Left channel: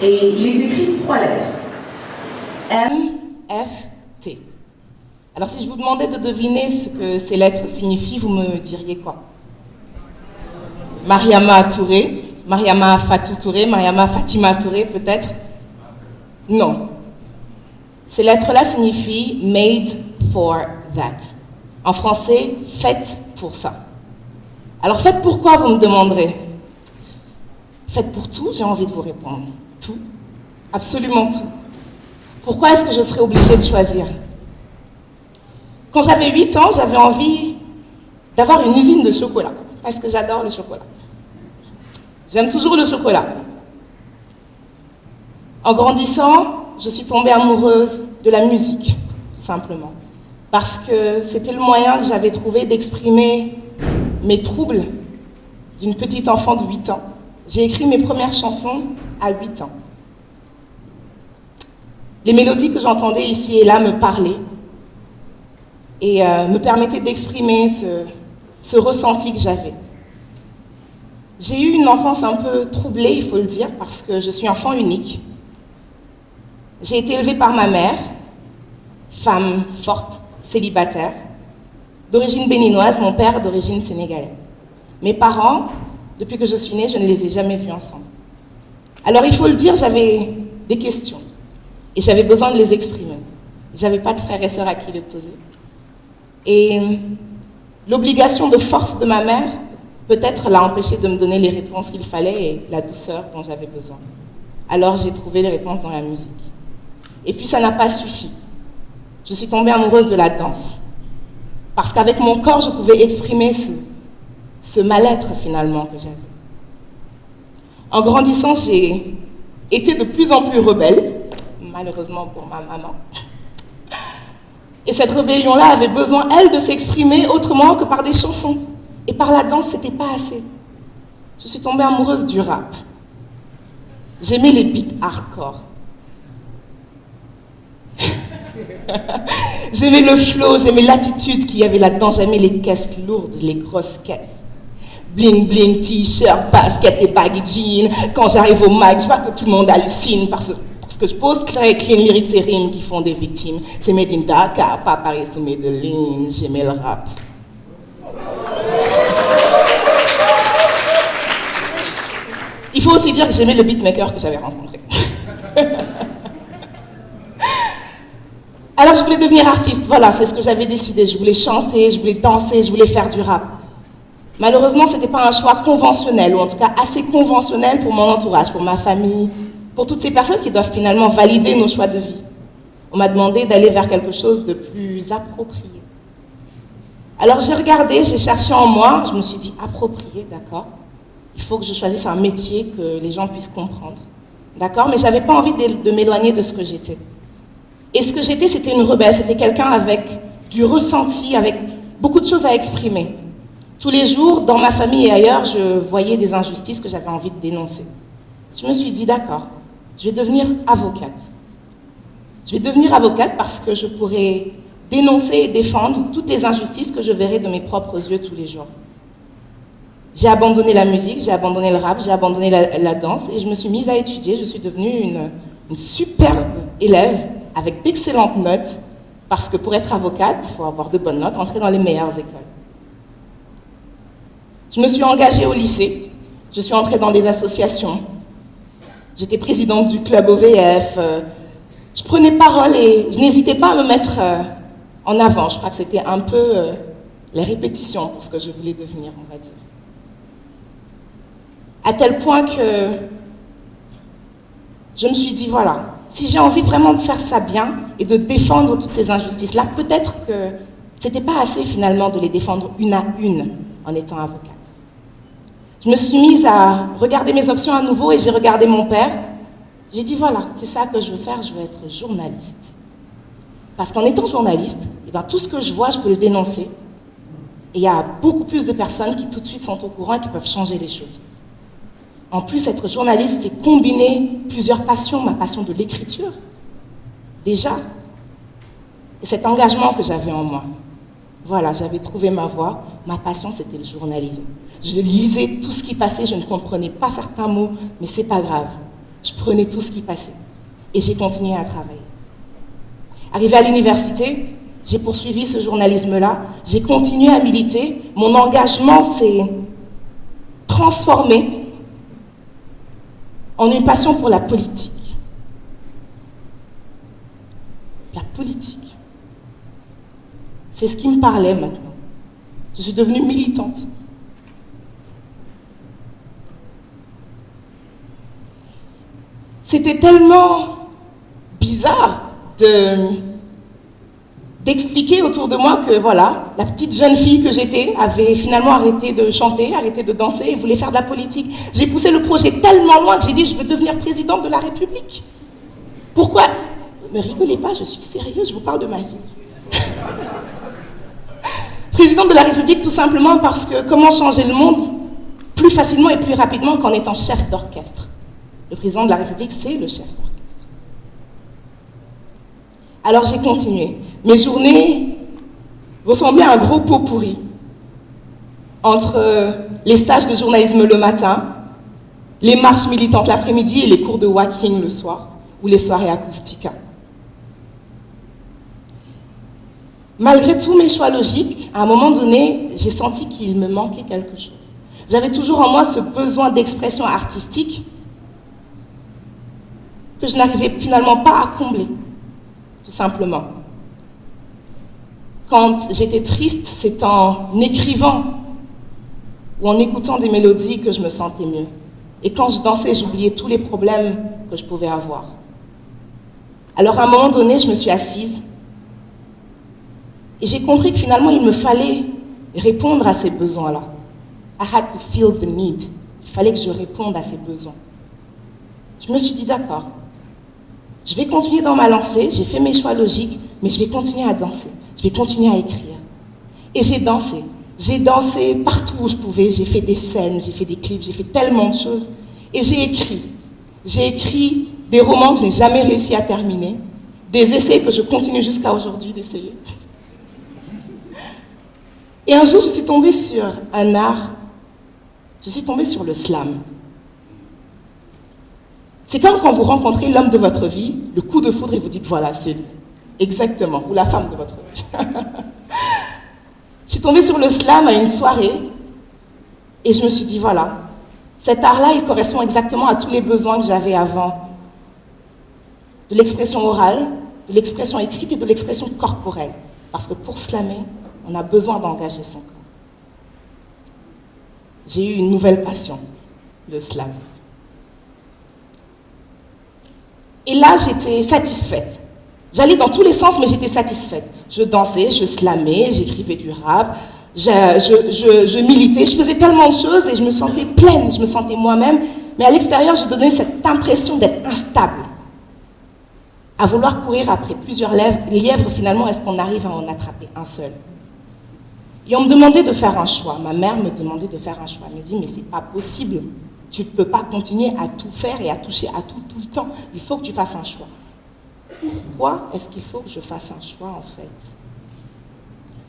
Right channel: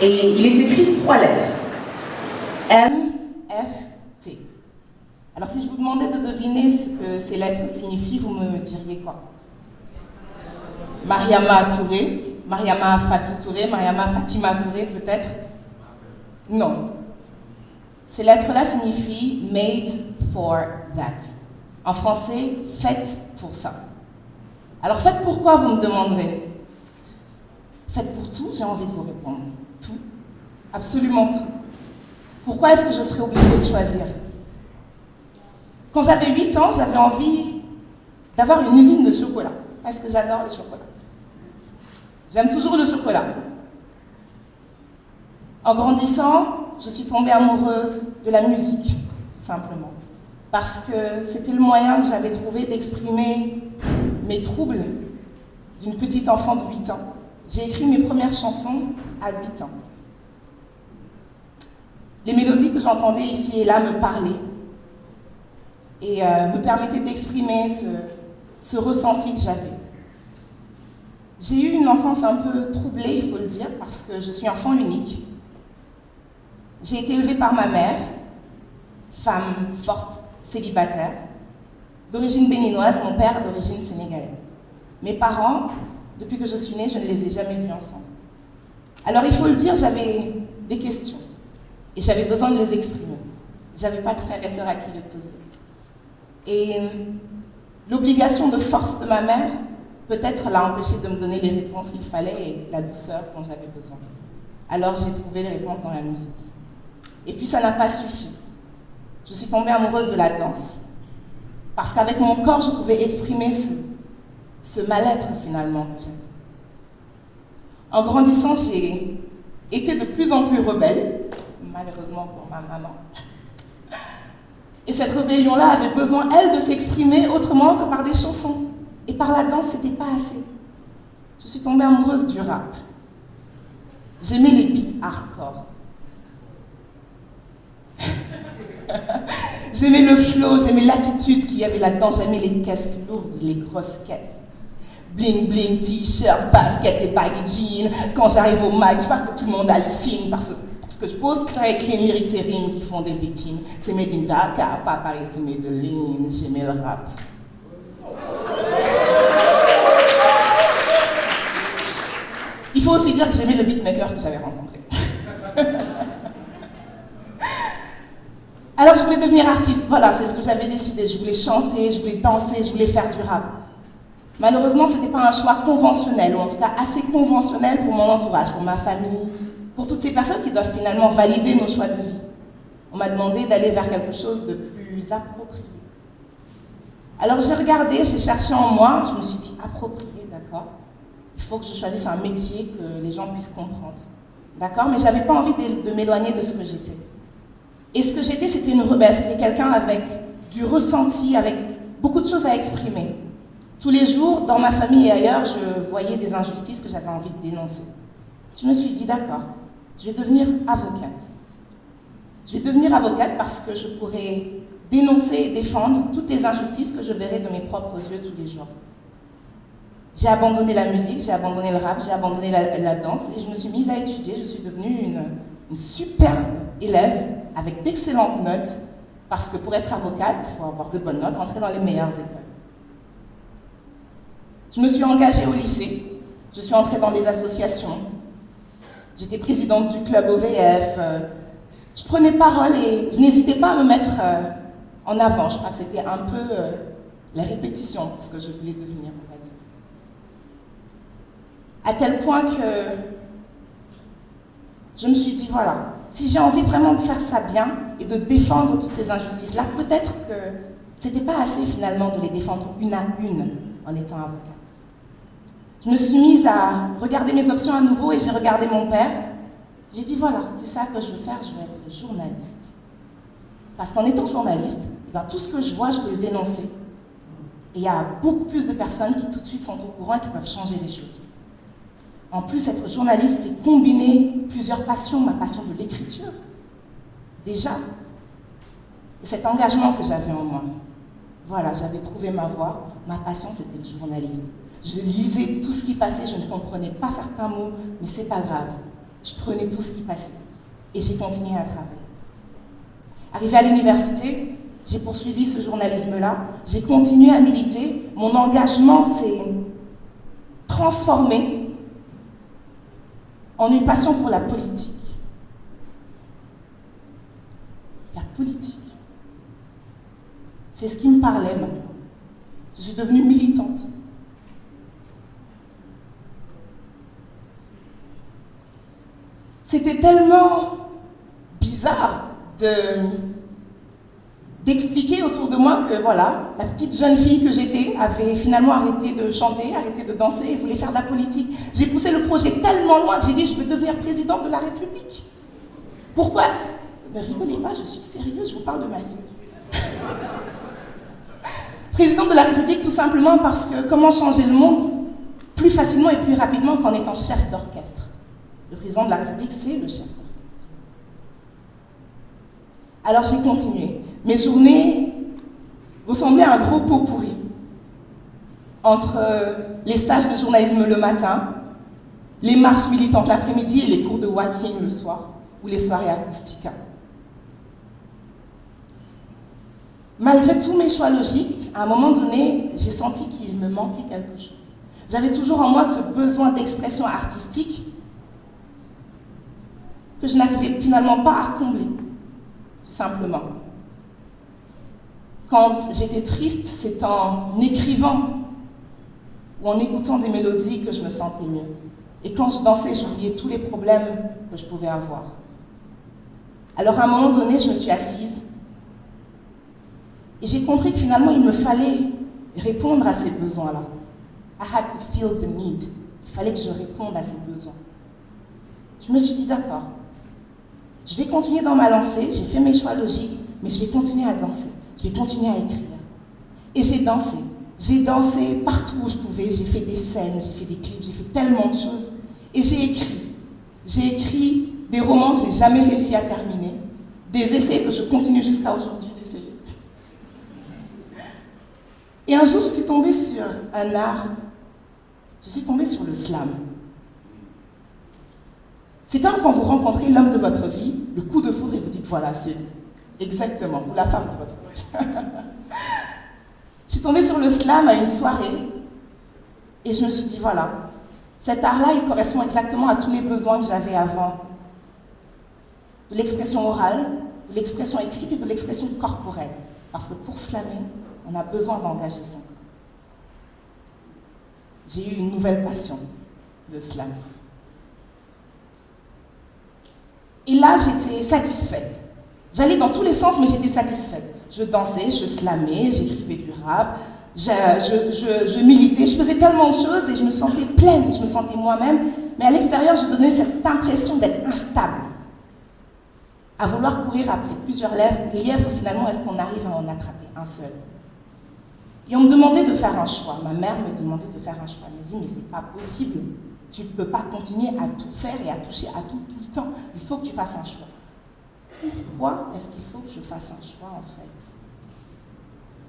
Et il est écrit 3 lettres. M-F-T. Alors si je vous demandais de deviner ce que ces lettres signifient, vous me diriez quoi? Mariama Touré, Mariama Fatou Touré, Mariama Fatima Touré peut-être? Non. Ces lettres-là signifient made for that. En français, faites pour ça. Alors faites pourquoi, vous me demanderez? Faites pour tout, j'ai envie de vous répondre. Tout. Absolument tout. Pourquoi est-ce que je serais obligée de choisir? Quand j'avais 8 ans, j'avais envie d'avoir une usine de chocolat, parce que j'adore le chocolat. J'aime toujours le chocolat. En grandissant, je suis tombée amoureuse de la musique, tout simplement. Parce que c'était le moyen que j'avais trouvé d'exprimer mes troubles d'une petite enfant de 8 ans. J'ai écrit mes premières chansons à 8 ans. Les mélodies que j'entendais ici et là me parlaient et me permettaient d'exprimer ce ressenti que j'avais. J'ai eu une enfance un peu troublée, il faut le dire, parce que je suis enfant unique. J'ai été élevée par ma mère, femme forte, célibataire, d'origine béninoise, mon père d'origine sénégalaise. Mes parents, depuis que je suis née, je ne les ai jamais vus ensemble. Alors il faut le dire, j'avais des questions et j'avais besoin de les exprimer. J'avais pas de frères et sœurs à qui les poser. Et l'obligation de force de ma mère, peut-être l'a empêché de me donner les réponses qu'il fallait et la douceur dont j'avais besoin. Alors j'ai trouvé les réponses dans la musique. Et puis ça n'a pas suffi. Je suis tombée amoureuse de la danse. Parce qu'avec mon corps, je pouvais exprimer ce mal-être finalement que j'avais. En grandissant, j'ai été de plus en plus rebelle, malheureusement pour ma maman. Et cette rébellion-là avait besoin, elle, de s'exprimer autrement que par des chansons. Et par la danse, c'était pas assez. Je suis tombée amoureuse du rap. J'aimais les beats hardcore. J'aimais le flow, j'aimais l'attitude qu'il y avait là-dedans, j'aimais les caisses lourdes, les grosses caisses. Bling bling, t-shirt, basket et baggy jeans. Quand j'arrive au mic, je vois que tout le monde hallucine parce que je pose très clean lyrics et rimes qui font des victimes. C'est made in Dakar, pas Paris sous Medellin, j'aimais le rap. Il faut aussi dire que j'aimais le beatmaker que j'avais rencontré. Alors je voulais devenir artiste, voilà, c'est ce que j'avais décidé. Je voulais chanter, je voulais danser, je voulais faire du rap. Malheureusement, ce n'était pas un choix conventionnel, ou en tout cas assez conventionnel pour mon entourage, pour ma famille, pour toutes ces personnes qui doivent finalement valider nos choix de vie. On m'a demandé d'aller vers quelque chose de plus approprié. Alors j'ai regardé, j'ai cherché en moi, je me suis dit approprié, d'accord. Il faut que je choisisse un métier que les gens puissent comprendre. D'accord? Mais je n'avais pas envie de m'éloigner de ce que j'étais. Et ce que j'étais, c'était une rebelle, c'était quelqu'un avec du ressenti, avec beaucoup de choses à exprimer. Tous les jours, dans ma famille et ailleurs, je voyais des injustices que j'avais envie de dénoncer. Je me suis dit, d'accord, je vais devenir avocate. Je vais devenir avocate parce que je pourrai dénoncer et défendre toutes les injustices que je verrai de mes propres yeux tous les jours. J'ai abandonné la musique, j'ai abandonné le rap, j'ai abandonné la danse et je me suis mise à étudier. Je suis devenue une superbe élève avec d'excellentes notes parce que pour être avocate, il faut avoir de bonnes notes, entrer dans les meilleures écoles. Je me suis engagée au lycée, je suis entrée dans des associations. J'étais présidente du club OVF. Je prenais parole et je n'hésitais pas à me mettre en avant. Je crois que c'était un peu les répétitions pour ce que je voulais devenir, on va dire. À tel point que je me suis dit, voilà, si j'ai envie vraiment de faire ça bien et de défendre toutes ces injustices-là, peut-être que c'était pas assez finalement de les défendre une à une en étant avocate. Je me suis mise à regarder mes options à nouveau et j'ai regardé mon père. J'ai dit, voilà, c'est ça que je veux faire, je veux être journaliste. Parce qu'en étant journaliste, eh bien, tout ce que je vois, je peux le dénoncer. Et il y a beaucoup plus de personnes qui tout de suite sont au courant et qui peuvent changer les choses. En plus, être journaliste, c'est combiner plusieurs passions, ma passion de l'écriture, déjà, et cet engagement que j'avais en moi. Voilà, j'avais trouvé ma voie, ma passion, c'était le journalisme. Je lisais tout ce qui passait, je ne comprenais pas certains mots, mais c'est pas grave. je prenais tout ce qui passait. Et j'ai continué à travailler. Arrivé à l'université, j'ai poursuivi ce journalisme-là, j'ai continué à militer, mon engagement s'est transformé en une passion pour la politique. La politique. C'est ce qui me parlait maintenant. Je suis devenue militante. C'était tellement bizarre d'expliquer autour de moi que voilà, la petite jeune fille que j'étais avait finalement arrêté de chanter, arrêté de danser et voulait faire de la politique. J'ai poussé le projet tellement loin que j'ai dit je veux devenir présidente de la République. Pourquoi? Ne rigolez pas, je suis sérieuse, je vous parle de ma vie. Présidente de la République tout simplement parce que comment changer le monde plus facilement et plus rapidement qu'en étant chef d'orchestre. Le président de la République, c'est le chef d'orchestre. Alors j'ai continué. Mes journées ressemblaient à un gros pot pourri. Entre les stages de journalisme le matin, les marches militantes l'après-midi et les cours de walking le soir, ou les soirées acoustica. Malgré tous mes choix logiques, à un moment donné, j'ai senti qu'il me manquait quelque chose. J'avais toujours en moi ce besoin d'expression artistique que je n'arrivais finalement pas à combler, tout simplement. Quand j'étais triste, c'est en écrivant ou en écoutant des mélodies que je me sentais mieux. Et quand je dansais, j'oubliais tous les problèmes que je pouvais avoir. Alors à un moment donné, je me suis assise et j'ai compris que finalement, il me fallait répondre à ces besoins-là. I had to feel the need. Il fallait que je réponde à ces besoins. Je me suis dit, d'accord, je vais continuer dans ma lancée, j'ai fait mes choix logiques, mais je vais continuer à danser, je vais continuer à écrire. Et j'ai dansé. J'ai dansé partout où je pouvais, j'ai fait des scènes, j'ai fait des clips, j'ai fait tellement de choses. Et j'ai écrit. J'ai écrit des romans que je n'ai jamais réussi à terminer, des essais que je continue jusqu'à aujourd'hui d'essayer. Et un jour, je suis tombée sur un art, je suis tombée sur le slam. C'est comme quand vous rencontrez l'homme de votre vie, le coup de foudre, et vous dites, voilà, c'est exactement, ou la femme de votre vie. Je suis tombée sur le slam à une soirée, et je me suis dit, voilà, cet art-là, il correspond exactement à tous les besoins que j'avais avant. De l'expression orale, de l'expression écrite et de l'expression corporelle. Parce que pour slammer, on a besoin d'engager son corps. J'ai eu une nouvelle passion, le slam. Et là, j'étais satisfaite. J'allais dans tous les sens, mais j'étais satisfaite. Je dansais, je slamais, j'écrivais du rap, je militais, je faisais tellement de choses et je me sentais pleine, je me sentais moi-même. Mais à l'extérieur, je donnais cette impression d'être instable. À vouloir courir après plusieurs lièvres, finalement, est-ce qu'on arrive à en attraper un seul? Et on me demandait de faire un choix. Ma mère me demandait de faire un choix. Elle me dit, mais c'est pas possible. Tu ne peux pas continuer à tout faire et à toucher à tout le temps. Il faut que tu fasses un choix. Pourquoi est-ce qu'il faut que je fasse un choix, en fait?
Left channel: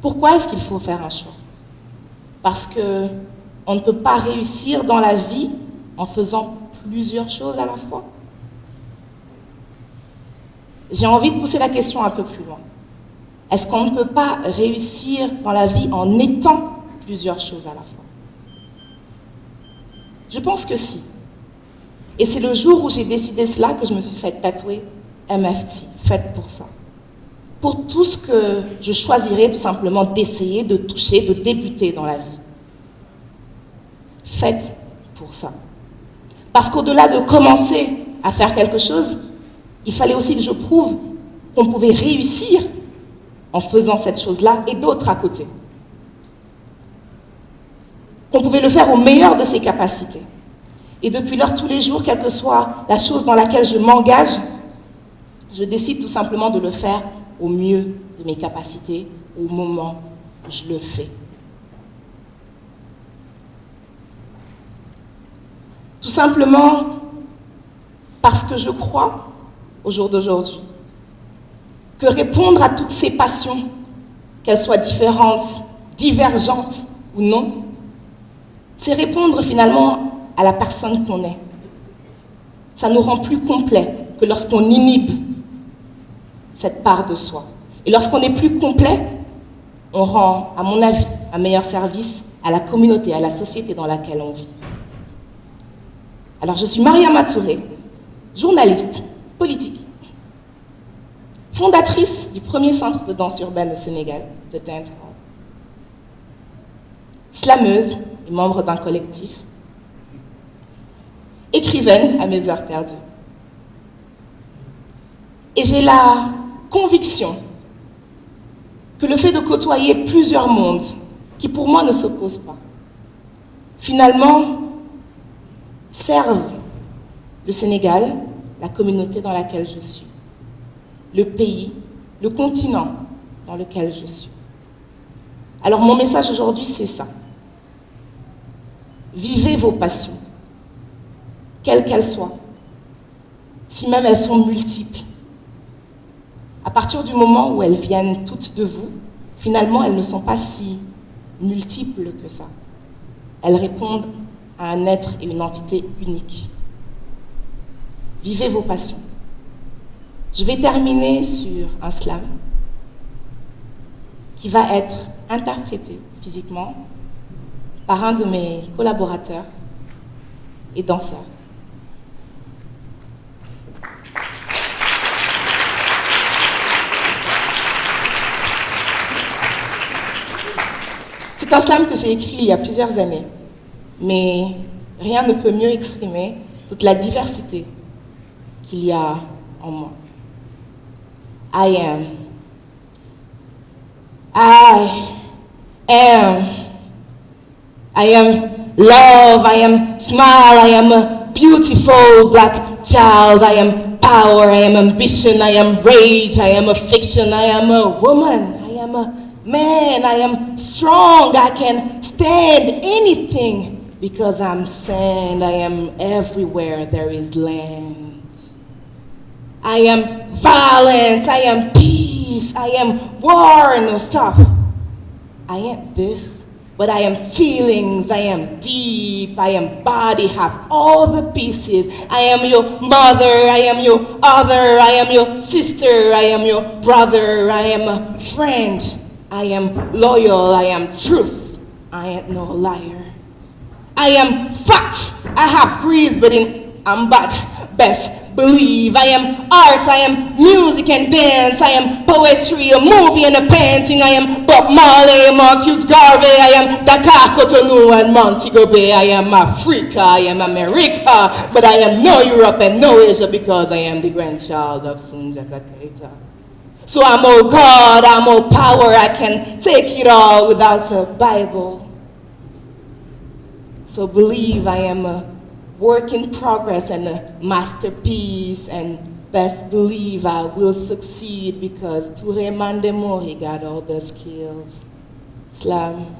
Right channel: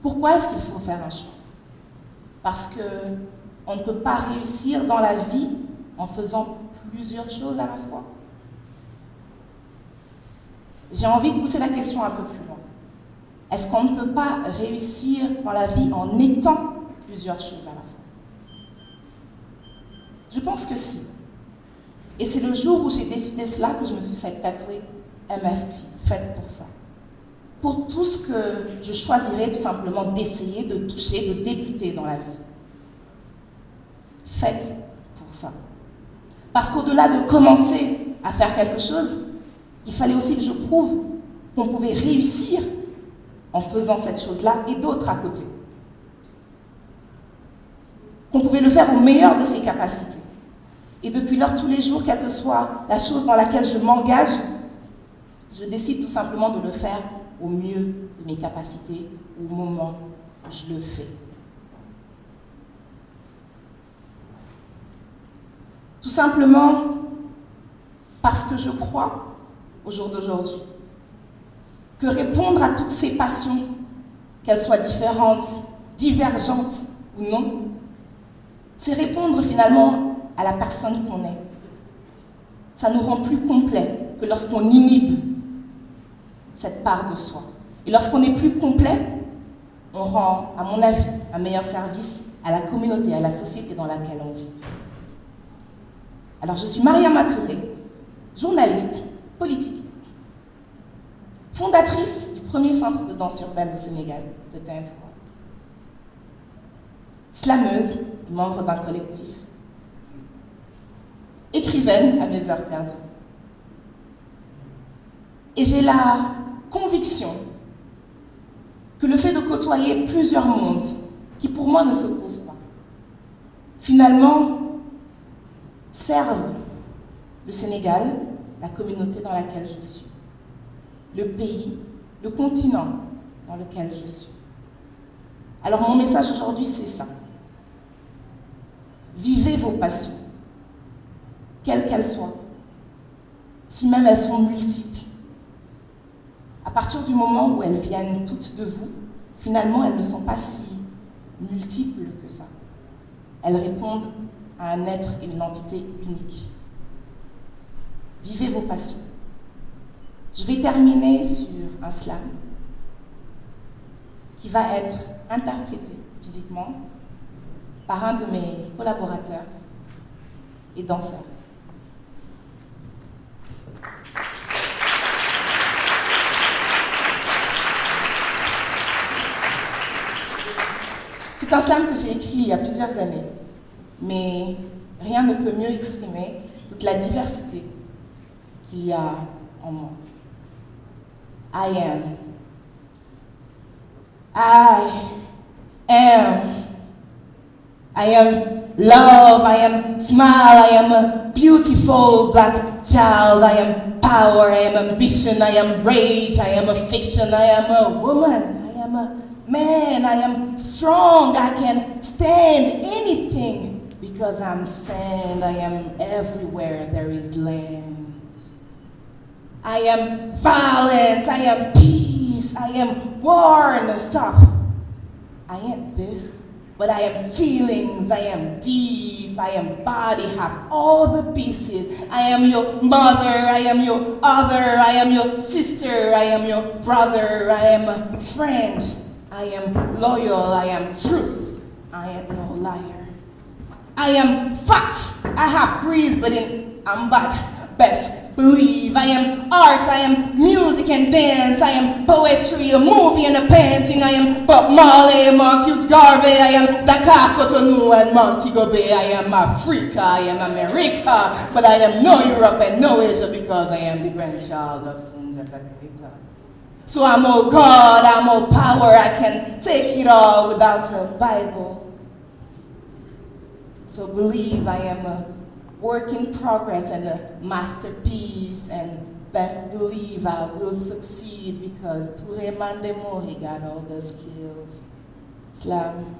Pourquoi est-ce qu'il faut faire un choix? Parce qu'on ne peut pas réussir dans la vie en faisant plusieurs choses à la fois. J'ai envie de pousser la question un peu plus loin. Est-ce qu'on ne peut pas réussir dans la vie en étant plusieurs choses à la fois? Je pense que si. Et c'est le jour où j'ai décidé cela que je me suis fait tatouer MFT, faite pour ça. Pour tout ce que je choisirais tout simplement d'essayer, de toucher, de débuter dans la vie. Faite pour ça. Parce qu'au-delà de commencer à faire quelque chose, il fallait aussi que je prouve qu'on pouvait réussir en faisant cette chose-là et d'autres à côté. Qu'on pouvait le faire au meilleur de ses capacités. Et depuis lors, tous les jours, quelle que soit la chose dans laquelle je m'engage, je décide tout simplement de le faire au mieux de mes capacités, au moment où je le fais. Tout simplement parce que je crois, au jour d'aujourd'hui, que répondre à toutes ces passions, qu'elles soient différentes, divergentes ou non, c'est répondre finalement à la personne qu'on est. ça nous rend plus complets que lorsqu'on inhibe cette part de soi. Et lorsqu'on est plus complet, on rend, à mon avis, un meilleur service à la communauté, à la société dans laquelle on vit. Alors, je suis Mariama Touré, journaliste, politique, fondatrice du premier centre de danse urbaine au Sénégal, The Dance Hall, slameuse et membre d'un collectif, écrivaine à mes heures perdues. Et j'ai la conviction que le fait de côtoyer plusieurs mondes, qui pour moi ne s'opposent pas, finalement servent le Sénégal, la communauté dans laquelle je suis, le pays, le continent dans lequel je suis. Alors mon message aujourd'hui, c'est ça. Vivez vos passions, quelles qu'elles soient, si même elles sont multiples. À partir du moment où elles viennent toutes de vous, finalement, elles ne sont pas si multiples que ça. Elles répondent à un être et une entité unique. Vivez vos passions. Je vais terminer sur un slam qui va être interprété physiquement par un de mes collaborateurs et danseurs. C'est un slam que j'ai écrit il y a plusieurs années, mais rien ne peut mieux exprimer toute la diversité qu'il y a en moi. I am love, I am smile, I am a beautiful black child, I am power, I am ambition, I am rage, I am affection, I am a woman, I am a man, I am strong, I can stand anything because I'm sand, I am everywhere there is land. I am violence, I am peace, I am war, no stop. I am this, but I am feelings, I am deep, I am body, have all the pieces. I am your mother, I am your other, I am your sister, I am your brother, I am a friend. I am loyal, I am truth, I am no liar. I am fact, I have grease, but I'm bad, best believe. I am art, I am music and dance, I am poetry, a movie and a painting. I am Bob Marley, Marcus Garvey, I am Dakar, Cotonou and Montego Bay. I am Africa, I am America, but I am no Europe and no Asia because I am the grandchild of Sunjata Keita. So I'm all God, I'm all power, I can take it all without a Bible. So believe I am a work in progress and a masterpiece, and best believe I will succeed because Touré Mandemori got all the skills. Slam.